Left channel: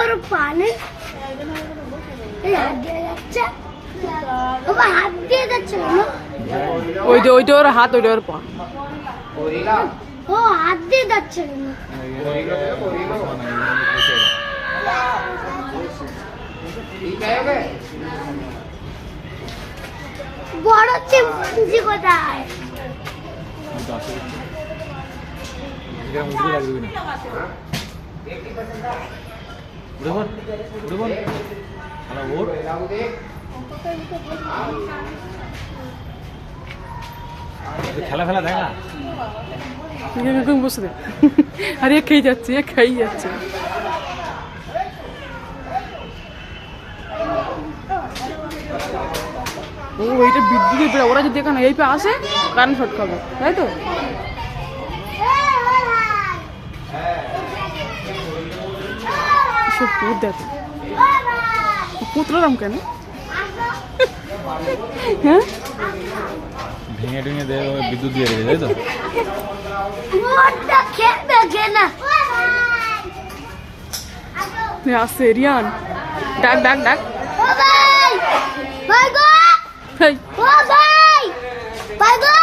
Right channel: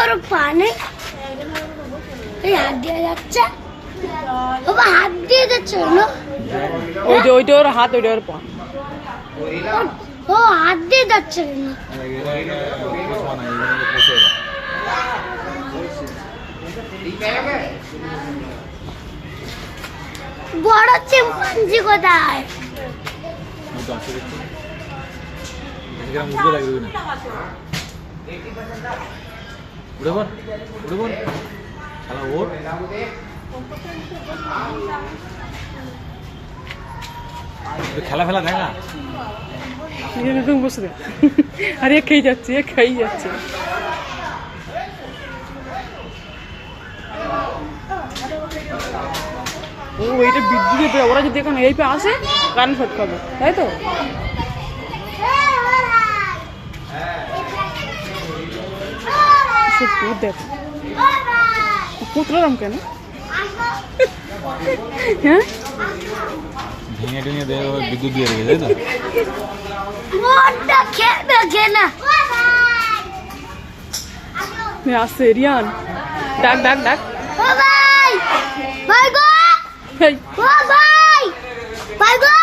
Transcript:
বড় পানে এই হাত দিয়ে যাচ্ছে, বাবা হাত দিয়ে যাচ্ছে না, ওইটা ওর হাত, ওইটা ওর পা। ও হাত দিয়ে যাচ্ছে বড় চিম্পাঞ্জি কোথায়? খেলা ফেলা দেখা বসে আরে খেয়ে যাচ্ছে, খাই যাচ্ছে। ও এইটা বিদ্যুতের, ওরা যদি এখানে এই পে আসে কারেন্ট শর্ট খাবে, তাই তো? দেখো পুতলাম কেন? হ্যাঁ ভেঙে টেঙে দেয়, বিদ্যুৎ দিয়ে রেখে, তাই তো? আসছে রিয়ান, ডাক ডাক ডাক। ভাই ভাই গো, ভাই ভাই ভাই গো।